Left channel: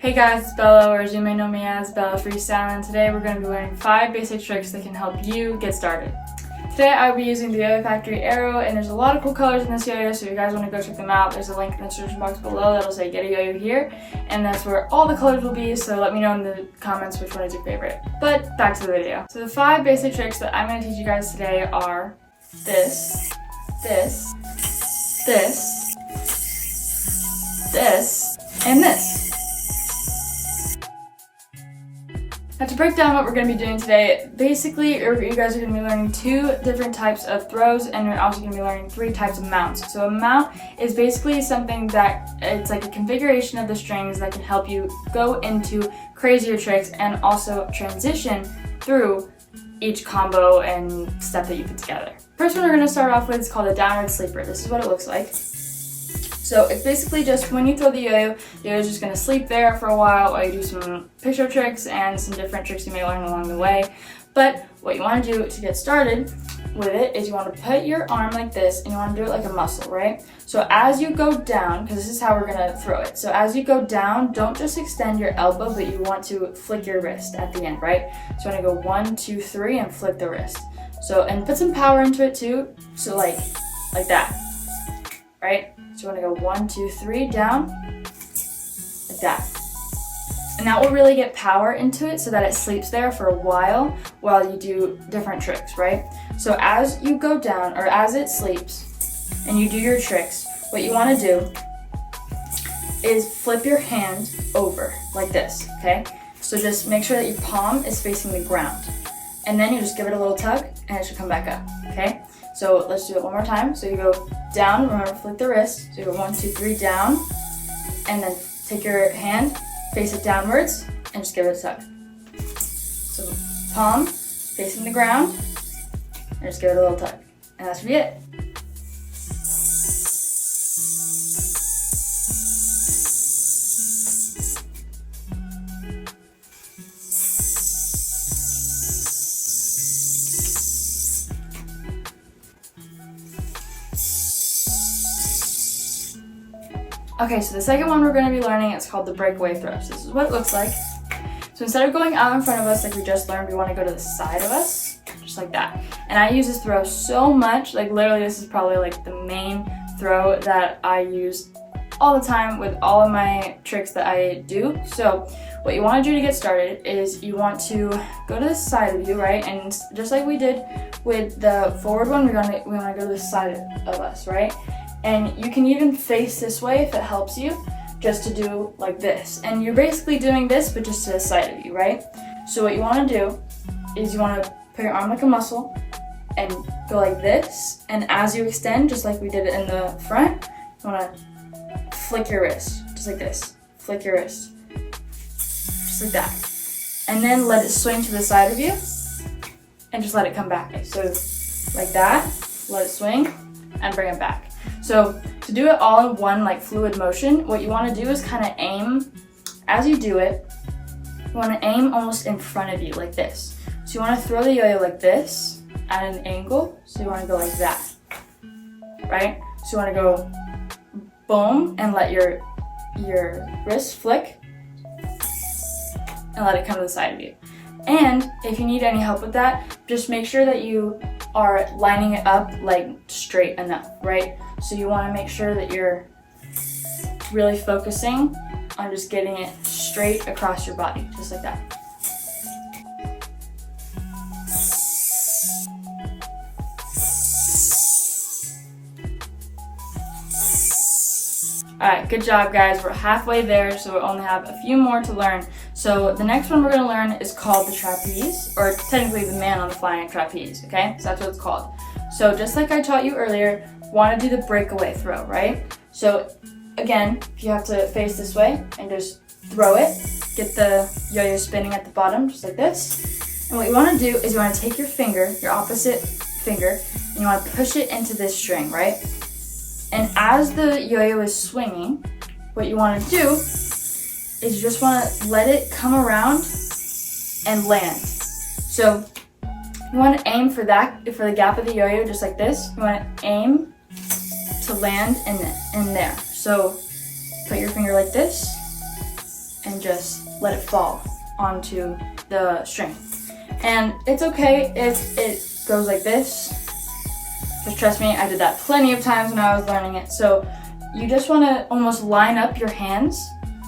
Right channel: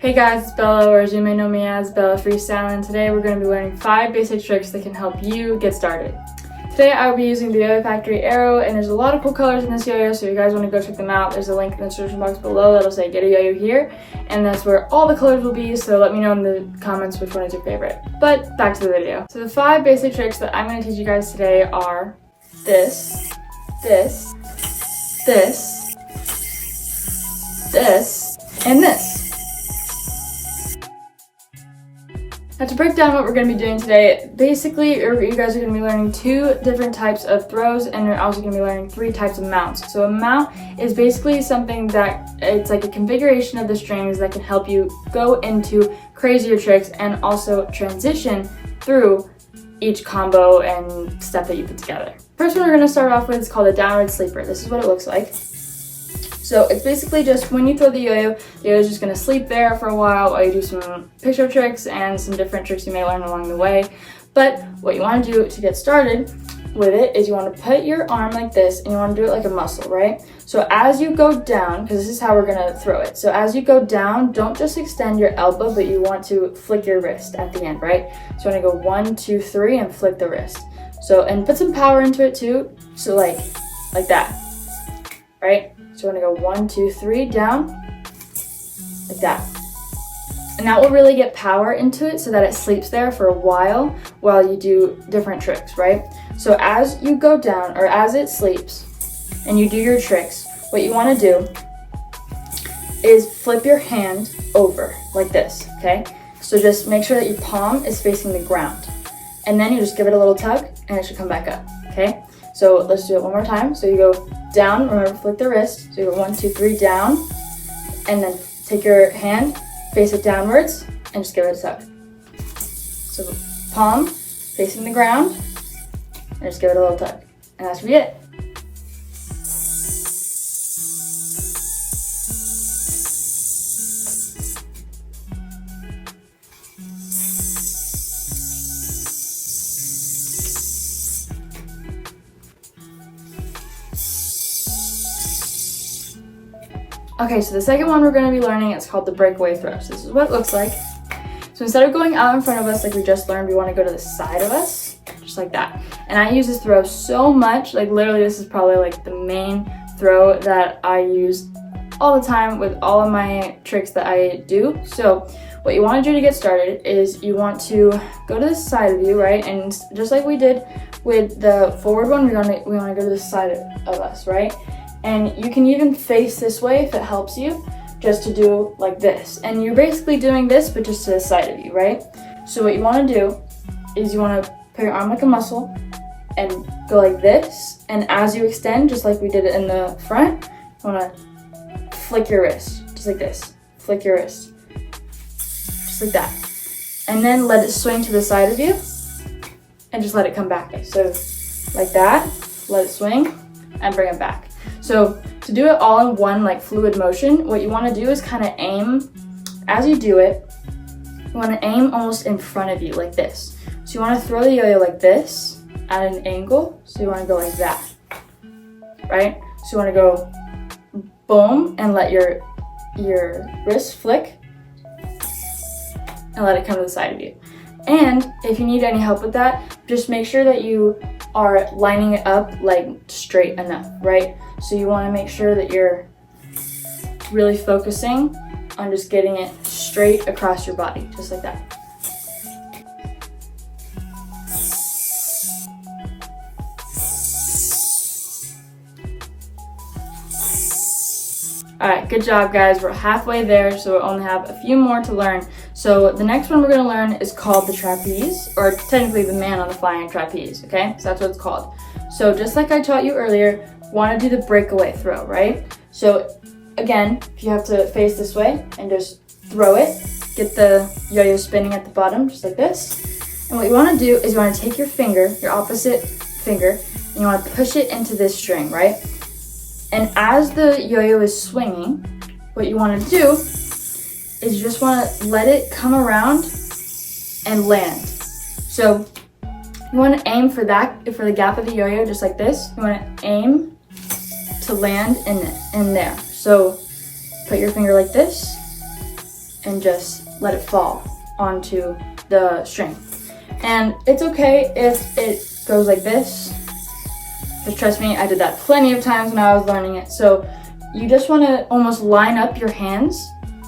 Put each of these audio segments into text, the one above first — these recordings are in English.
Hey guys, it's Bella, or as you may know me as Bella Freestyle, and today we're going to be learning 5 basic tricks that can help you get started. Today I will be using the Yo-Yo Factory Arrow, and there's a lot of cool colors in this yo-yo, so if you guys want to go check them out, there's a link in the description box below that'll say get a yo-yo here, and that's where all the colors will be, so let me know in the comments which one is your favorite. But back to the video. So the 5 basic tricks that I'm going to teach you guys today are this, and this. Now to break down what we're going to be doing today, basically you guys are going to be learning 2 different types of throws, and you're also going to be learning 3 types of mounts. So a mount is basically something that it's like a configuration of the strings that can help you go into crazier tricks and also transition through each combo and step that you put together. First one we're going to start off with is called a downward sleeper. This is what it looks like. So it's basically just when you throw the yo-yo is just going to sleep there for a while you do some picture tricks and some different tricks you may learn along the way. But what you want to do to get started with it is you want to put your arm like this, and you want to do it like a muscle, right? So as you go down, because this is how we're going to throw it. So as you go down, don't just extend your elbow, but you want to flick your wrist at the end, right? So you want to go 1, 2, 3 and flick the wrist. So, and put some power into it too. So like that, right? So you want to go 1, 2, 3 down, like that. And that will really get power into it so that it sleeps there for a while you do different tricks, right? So as you go down, or as it sleeps, and you do your tricks, what you want to do is flip your hand over, like this, okay? So just make sure that your palm is facing the ground. And then you just give it a little tug, and it should come back up, okay? So let's do it one more time. So you go down, remember flick the wrist. So you go 1, 2, 3 down, and then take your hand, face it downwards, and just give it a tug. So palm facing the ground, and just give it a little tug. And that should be it. Okay, so the second one we're going to be learning, it's called the Breakaway Thrust. This is what it looks like. So instead of going out in front of us like we just learned, we want to go to the side of us, just like that. And I use this throw so much, like literally this is probably like the main throw that I use all the time with all of my tricks that I do. So what you want to do to get started is you want to go to the side of you, right? And just like we did with the forward one, we want to go to the side of us, right? And you can even face this way if it helps you, just to do like this. And you're basically doing this, but just to the side of you, right? So what you want to do is you want to put your arm like a muscle and go like this. And as you extend, just like we did it in the front, you want to flick your wrist, just like this. Flick your wrist, just like that. And then let it swing to the side of you and just let it come back. So like that, let it swing and bring it back. So to do it all in one like fluid motion, what you want to do is kind of aim, as you do it, you want to aim almost in front of you like this. So you want to throw the yo-yo like this at an angle, so you want to go like that, right? So you want to go boom and let your wrist flick and let it come to the side of you. And if you need any help with that, just make sure that you are lining it up like straight enough, right? So you want to make sure that you're really focusing on just getting it straight across your body, just like that. Alright, good job guys. We're halfway there, so we only have a few more to learn. So the next one we're going to learn is called the trapeze, or technically the man on the flying trapeze, okay? So that's what it's called. So just like I taught you earlier, want to do the breakaway throw, right? So again, you have to face this way and just throw it. Get the yo-yo spinning at the bottom, just like this. And what you want to do is you want to take your finger, your opposite finger, and you want to push it into this string, right? And as the yo-yo is swinging, what you want to do is you just want to let it come around and land. So you want to aim for the gap of the yo-yo, just like this. You want to aim to land in there. So put your finger like this and just let it fall onto the string. And it's okay if it goes like this, because trust me, I did that plenty of times when I was learning it. So you just want to almost line up your hands.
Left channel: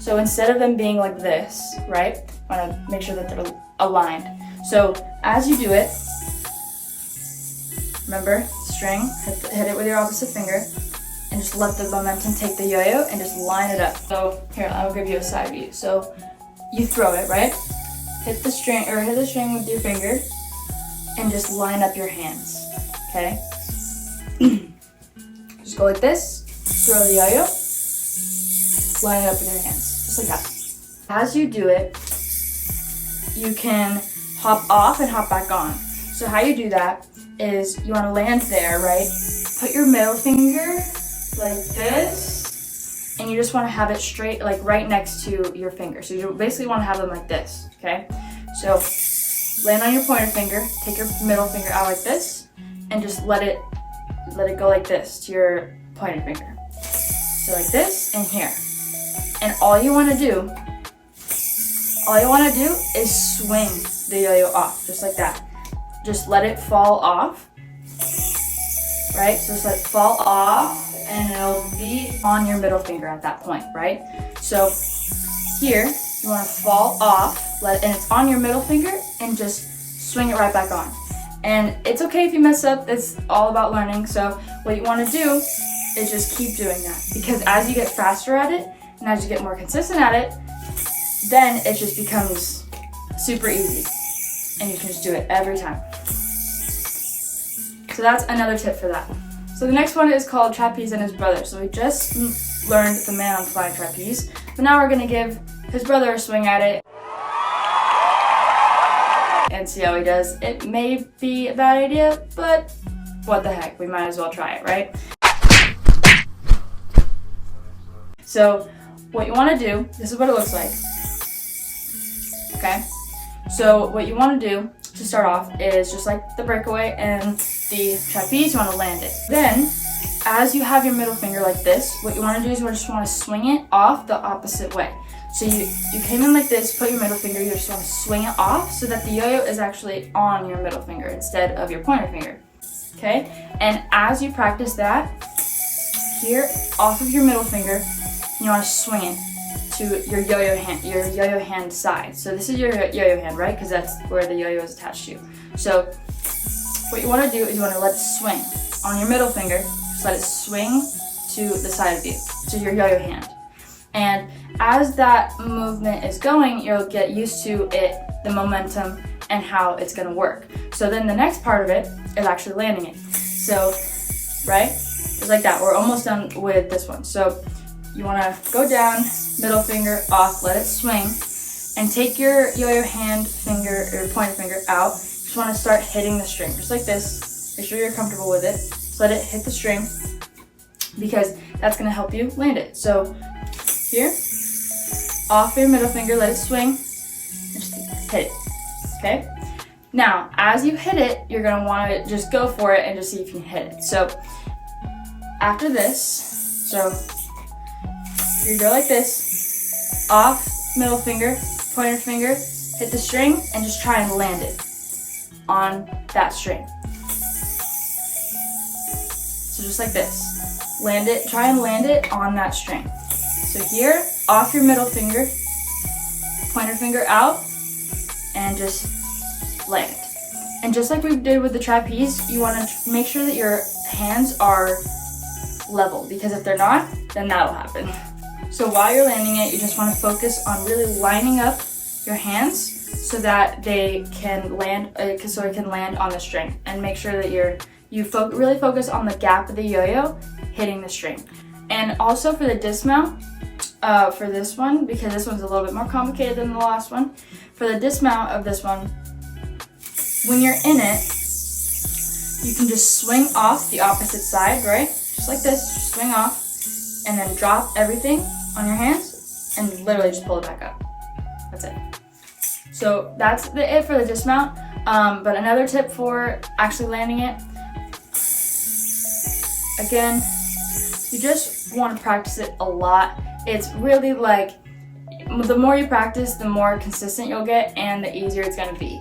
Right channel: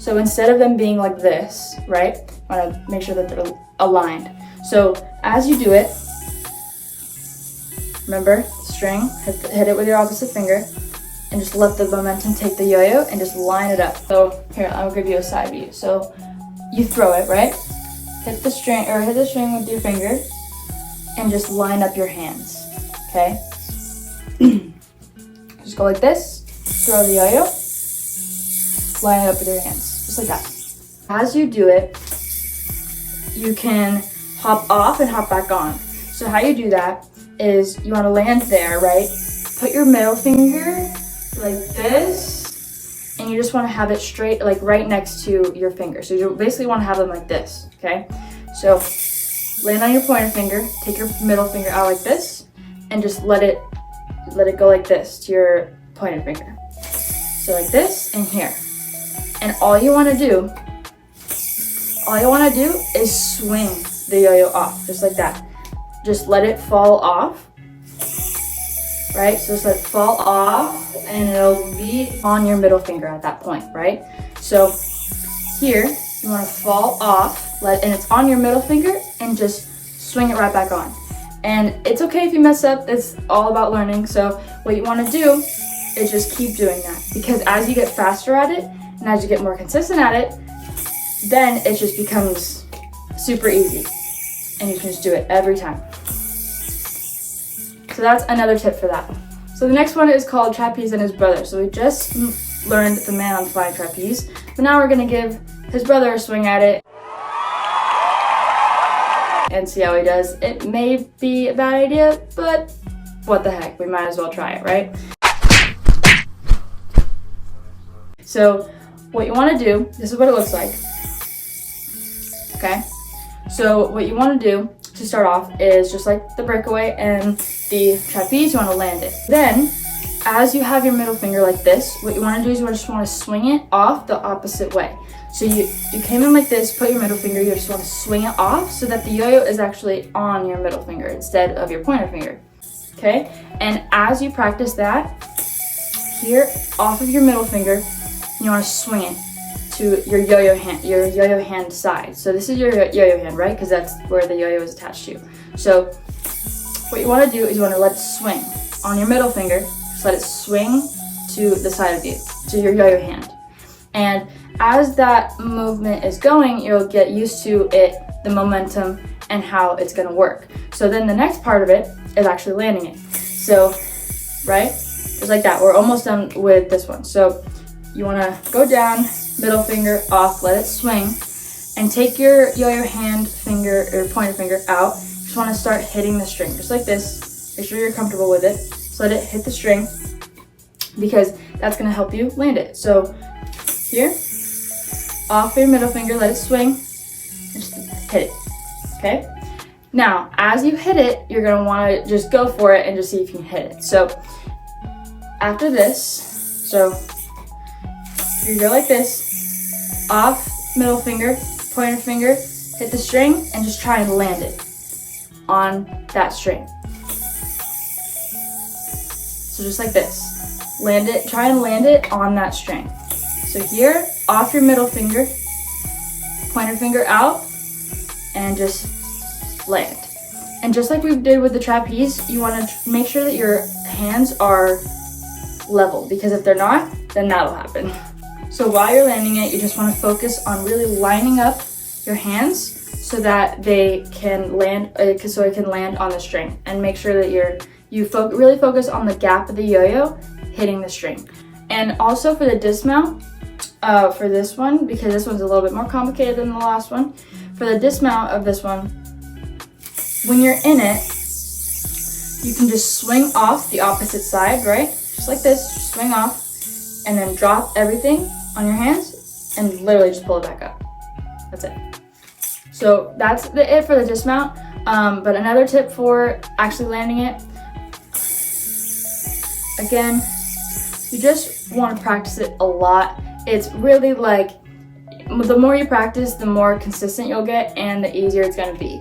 So instead of them being like this, right, you want to make sure that they're aligned. So as you do it, remember, string, hit it with your opposite finger, and just let the momentum take the yo-yo and just line it up. So here, I'll give you a side view. So you throw it, right? Hit the string with your finger and just line up your hands, okay? Just go like this, throw the yo-yo, line it up with your hands, just like that. As you do it, you can hop off and hop back on. So how you do that is you want to land there, right? Put your middle finger like this, and you just want to have it straight, like right next to your finger. So you basically want to have them like this, okay? So land on your pointer finger, take your middle finger out like this, and just let it go like this to your pointer finger. So like this and here. And all you want to do is swing the yo-yo off, just like that. Just let it fall off, right? So just let it fall off, and it'll be on your middle finger at that point, right? So here, you want to fall off, and it's on your middle finger, and just swing it right back on. And it's okay if you mess up, it's all about learning. So what you want to do is just keep doing that, because as you get faster at it, and as you get more consistent at it, then it just becomes super easy, and you can just do it every time. So that's another tip for that. So the next one is called Trapeze and his brother. So we just learned the man on flying trapeze, but now we're gonna give his brother a swing at it and see how he does. It may be a bad idea, but what the heck, we might as well try it, right? So what you wanna do, this is what it looks like, okay? So what you wanna do to start off is just like the breakaway and the trapeze, you want to land it. Then, as you have your middle finger like this, what you want to do is you just want to swing it off the opposite way. So you came in like this, put your middle finger, you just want to swing it off so that the yo-yo is actually on your middle finger instead of your pointer finger, okay? And as you practice that, here, off of your middle finger, you want to swing it to your yo-yo hand side. So this is your yo-yo hand, right? Because that's where the yo-yo is attached to. So what you want to do is you want to let it swing on your middle finger. Just let it swing to the side of you, to your yo-yo hand. And as that movement is going, you'll get used to it, the momentum, and how it's going to work. So then the next part of it is actually landing it. So, right? Just like that. We're almost done with this one. So you want to go down, middle finger off, let it swing, and take your yo-yo hand finger or pointer finger out. Just want to start hitting the string, just like this. Make sure you're comfortable with it. Just let it hit the string, because that's going to help you land it. So here, off your middle finger, let it swing, and just hit it, okay? Now, as you hit it, you're going to want to just go for it and just see if you can hit it. So after this, so you go like this, off middle finger, pointer finger, hit the string, and just try and land it on that string. So just like this, land it, try and land it on that string. So here, off your middle finger, pointer finger out, and just land. And just like we did with the trapeze, you want to make sure that your hands are level, because if they're not, then that'll happen. So while you're landing it, you just want to focus on really lining up your hands so that they can land, so it can land on the string, and make sure that really focus on the gap of the yo-yo hitting the string. And also for the dismount, for this one, because this one's a little bit more complicated than the last one, for the dismount of this one, when you're in it, you can just swing off the opposite side, right? Just like this, just swing off, and then drop everything on your hands and literally just pull it back up. That's it. So that's it for the dismount. But another tip for actually landing it, again, you just want to practice it a lot. It's really like the more you practice, the more consistent you'll get and the easier it's gonna be.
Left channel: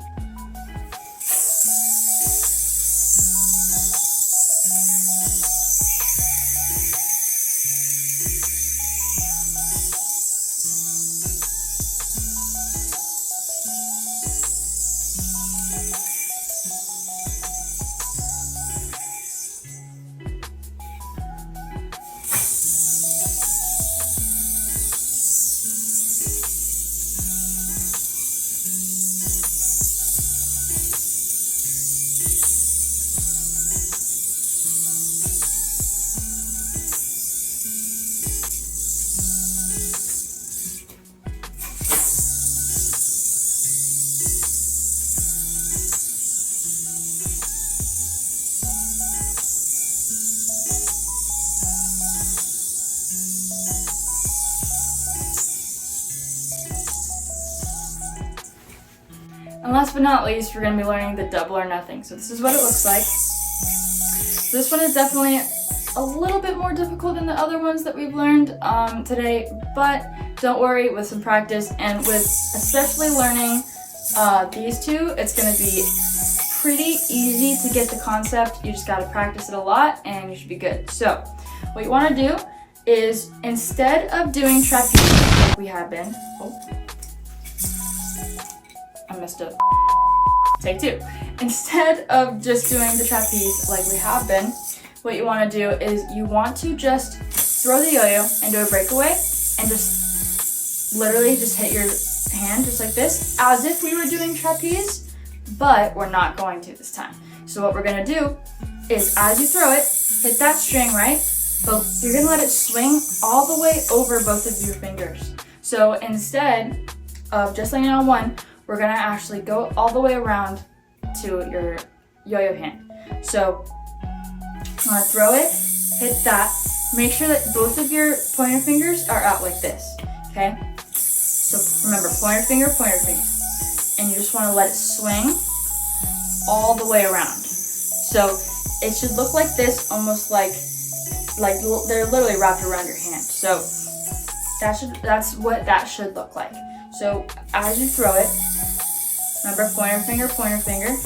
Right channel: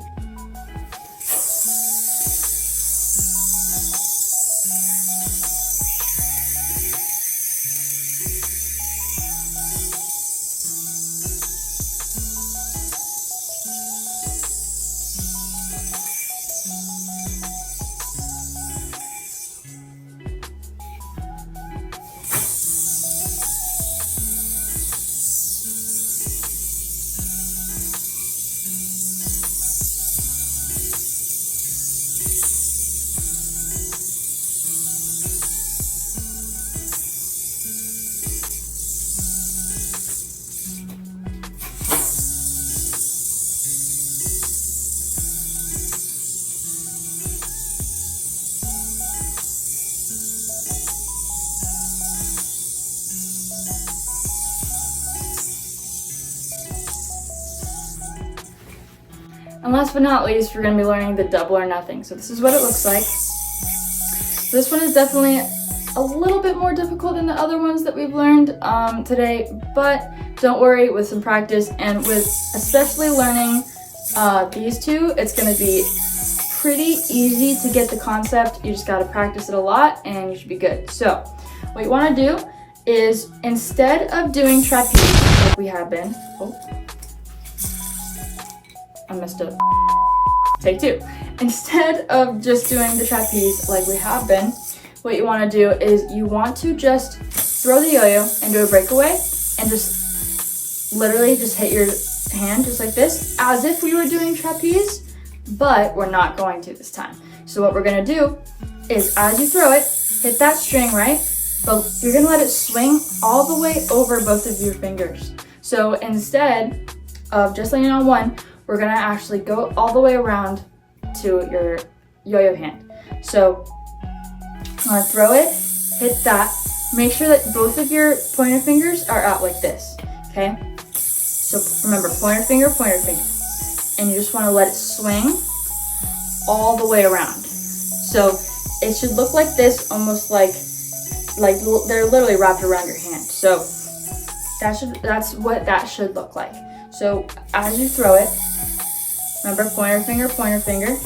And last but not least, we're going to be learning the double or nothing. So this is what it looks like. So this one is definitely a little bit more difficult than the other ones that we've learned today, but don't worry, with some practice and with especially learning these two, it's going to be pretty easy to get the concept. You just got to practice it a lot and you should be good. So what you want to do is, instead of doing trapeze like we have been, I messed up. Take two. Instead of just doing the trapeze like we have been, what you want to do is you want to just throw the yo-yo and do a breakaway and just literally just hit your hand just like this, as if we were doing trapeze, but we're not going to this time. So what we're going to do is, as you throw it, hit that string, right? But you're going to let it swing all the way over both of your fingers. So instead of just landing on one, we're gonna actually go all the way around to your yo-yo hand. So you wanna throw it, hit that, make sure that both of your pointer fingers are out like this, okay? So remember, pointer finger, and you just wanna let it swing all the way around. So it should look like this, almost like they're literally wrapped around your hand. So that's what that should look like. So as you throw it, remember, pointer finger,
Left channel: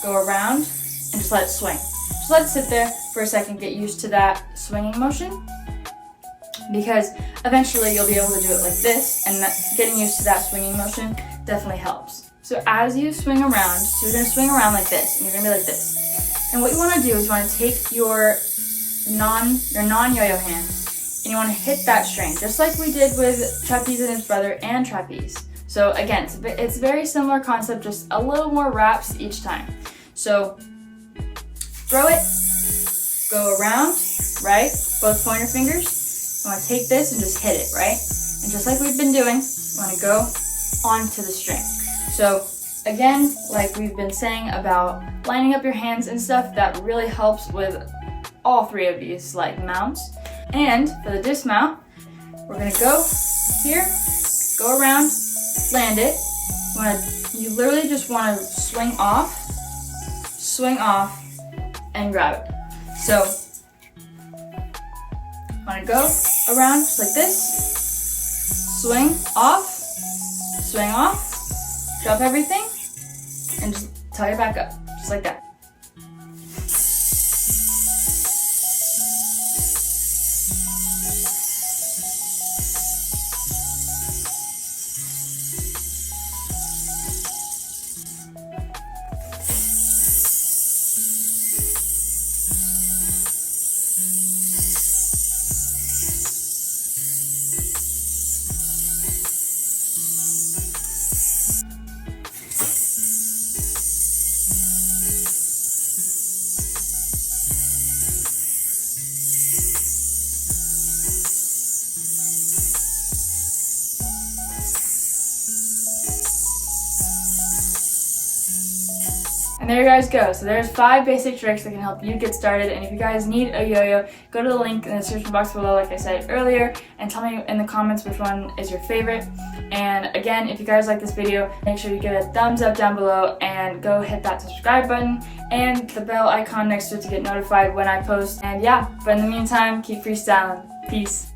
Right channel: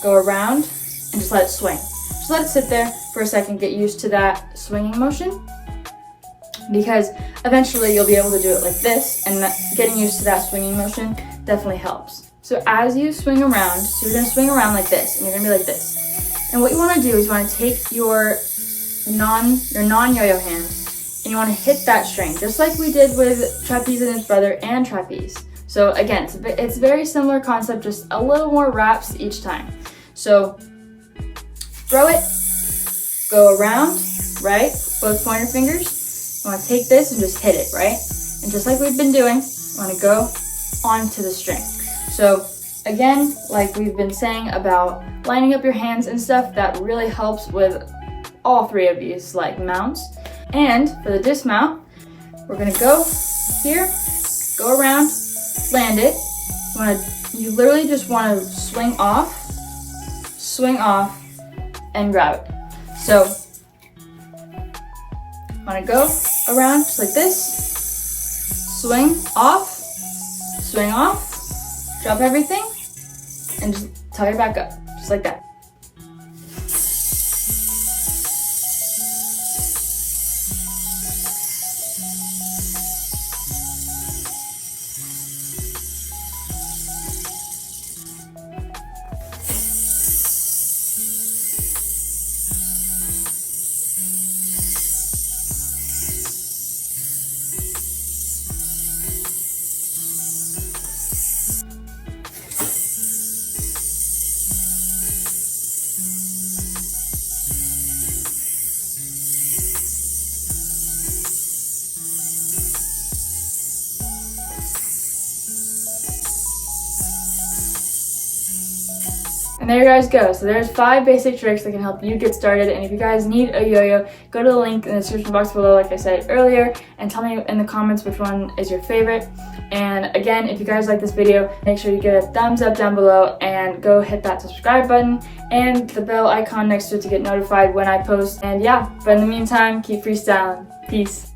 go around and just let it swing. Just let it sit there for a second, get used to that swinging motion, because eventually you'll be able to do it like this, and getting used to that swinging motion definitely helps. So as you swing around, so you're gonna swing around like this, and you're gonna be like this. And what you wanna do is you wanna take your non-yo-yo hand, and you want to hit that string, just like we did with Trapeze and his brother and Trapeze. So again, it's very similar concept, just a little more wraps each time. So throw it, go around, right? Both pointer fingers. You want to take this and just hit it, right? And just like we've been doing, you want to go onto the string. So again, like we've been saying about lining up your hands and stuff, that really helps with all three of these like mounts. And for the dismount, we're gonna go here, go around, land it. You literally just wanna swing off, and grab it. So, wanna go around just like this, swing off, drop everything, and just tuck it back up, just like that. And there you guys go. So there's 5 basic tricks that can help you get started. And if you guys need a yo-yo, go to the link in the description box below, like I said earlier, and tell me in the comments which one is your favorite. And again, if you guys like this video, make sure you give it a thumbs up down below and go hit that subscribe button and the bell icon next to it to get notified when I post. And yeah, but in the meantime, keep freestyling. Peace.